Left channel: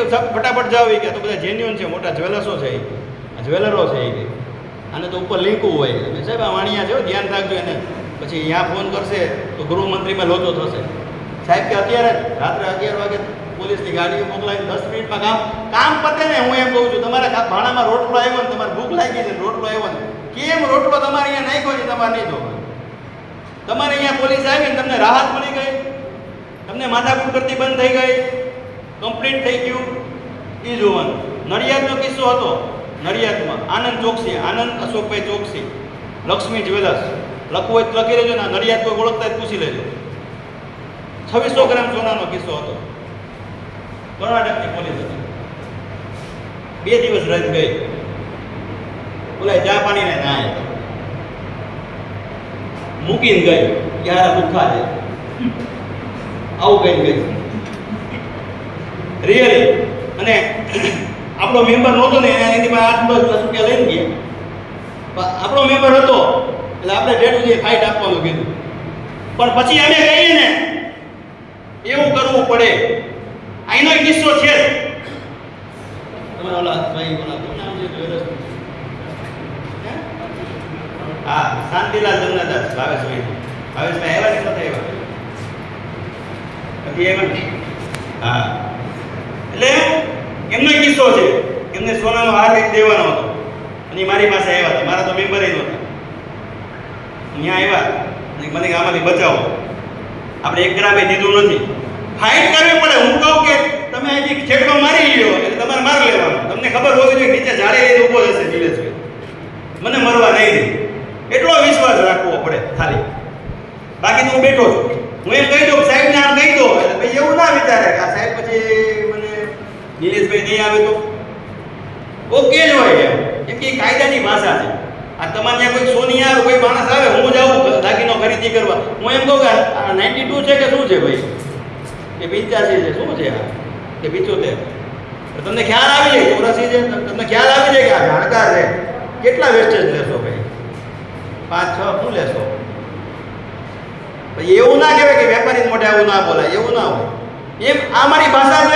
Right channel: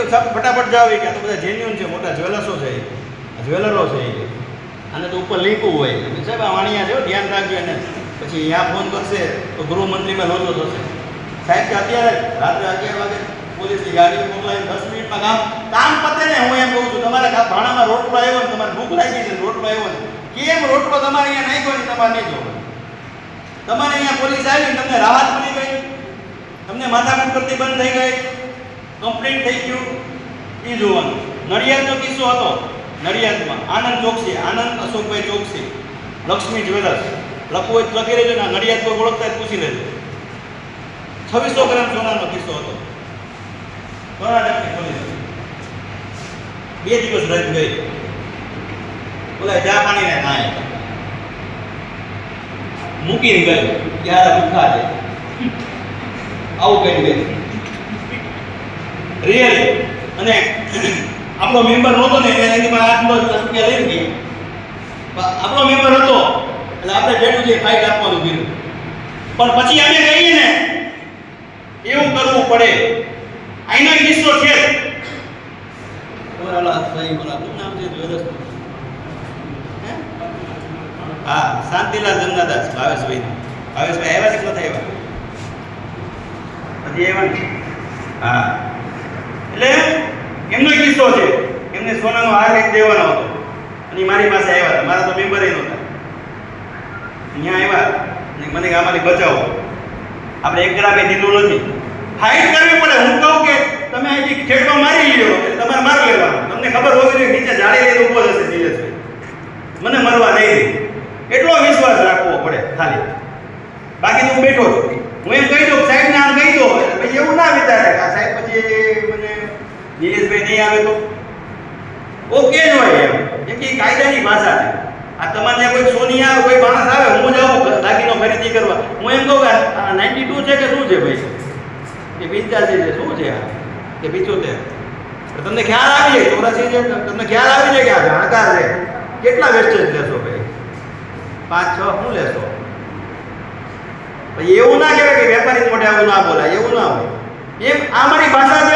કે ફટાફટ જાવ કે તો બધા જેન્યુઅન છે, મોટા જ્વેલર્સો છે, જ્વેલરો છે એ અને તો ઉપર લીકું હોય સાહેબ આ વાણિયા છે ધ્યાન રાખજો એને. પછી અહીંયા ફોન કરશે તો ગૃહમંત્રીમાં લોચો થશે. સાહેબ કે અત્યારે રાત્રે 11 વાગે પોલીસની ગાડીઓ મોકલાવી 10 મિનિટમાં કામ પતે ને. હું એમ કહું છું તમારા ભાણામાં રોટલો આવ્યો ને તમારે ભૂખ લાગી ને રોટલો આવ્યો ને કેમ રોટલો તમારે અહીંયા નાખ્યો ને તમારે નહીં જોવો. તમારે અહીંયા પોલીસ આવી તમને રાહત મળી ગઈ, તમને માથાકૂટ પ્રતિબંધ થઈ ગઈ, કમ્પ્લીટ થઈ ગયું એ જોવાનું. નડિયાદનો કિસ્સો હતો. નડિયાદમાં આનંદ ચોકસી, આનંદ અશોકભાઈ ચોકસી, લક્ષ્મી જ્વેલર્સ લખવું હોય તો લખી લેજો ને. નડિયાદ પર ઓળખતા પૂછી લેજો. 2600 ગ્રામ સોનાનો કિસ્સો હતો. કર્ણાટકની પોલીસ 2 દિવસ રજ ગઈ. ઓલા ચા પાણીને નાય મૂકીને ગઈ યાર દુખા છે આવું કહી દે રિયલી. અને આપણો મેમ્બર નહોતો ને એની પાસે 8 રૂપિયા લઈ ગયા. આપણો મેમ્બર હતો એટલે આપણે બેઠું જે ફાઇટ આપવાનું કીધું. પણ પછી અમે કહીએ ને એવું કરવું પડે. આઈનો કિસ્સો છે. હા શાંતિલાલ જમનાદાસ ભાવેશભાઈ આવ્યા છે નથી આવ્યા પછી એવા હા એટલે એમનો કિસ્સો છે. એમને સોનાનો હાર એક દેવાનો હતો અને મારી પાસે આવ્યા હતા. મારા તો મેમ્બર એ નહોતા. અહીંયા આવ્યા મને આમાંથી બચાવો. આપણે 1 ગ્રામે દીધું નથી. ફાઇટ કરવી પડે. હું કહું કે તમે અહીંથી ખેડકો મારી લ્યો એટલે તમારે માર લેવાનું. તમને ખબર હોવી જોઈએ નીચે જાળી રહી ઊભો હશે દિલેશભાઈ મને મારવા નહીં દે. એટલો વિશ્વાસ રાખવો પડે ખાલી. બાકી તો હું બેઠો છું. હું એમ કહી દઉં સાહેબને આમ કહી દો પછી એવું ના વિચારે કે આ સાહેબ પછી મને નિલેશભાઈ નહીં આવે તો ઓકે જ હોય એમ કે કાયદાની ભાષા છે. આ તમારે કોઈ સોનિયા કોઈ માણસ આવે હું જાઉં દાગીનો ખરીદી કરવા હું એમ કહું કે આ 92 છે કે શું છે ભાઈ કે 85 છે શું છે કે 75 તમને ખ્યાલ આવી જાય ચોરાસી છે તમને ખ્યાલ આવી જાય કે આ જાણકાર છે. કેટલા વેસ્ટેજ લેશો ભાઈ 5-6 શું લેશો? એવું ના કહેવાય કે વેપારી મોઢે આવું ના બોલાય. એવું ના હોય. એમ આ મારી ભાષા છે.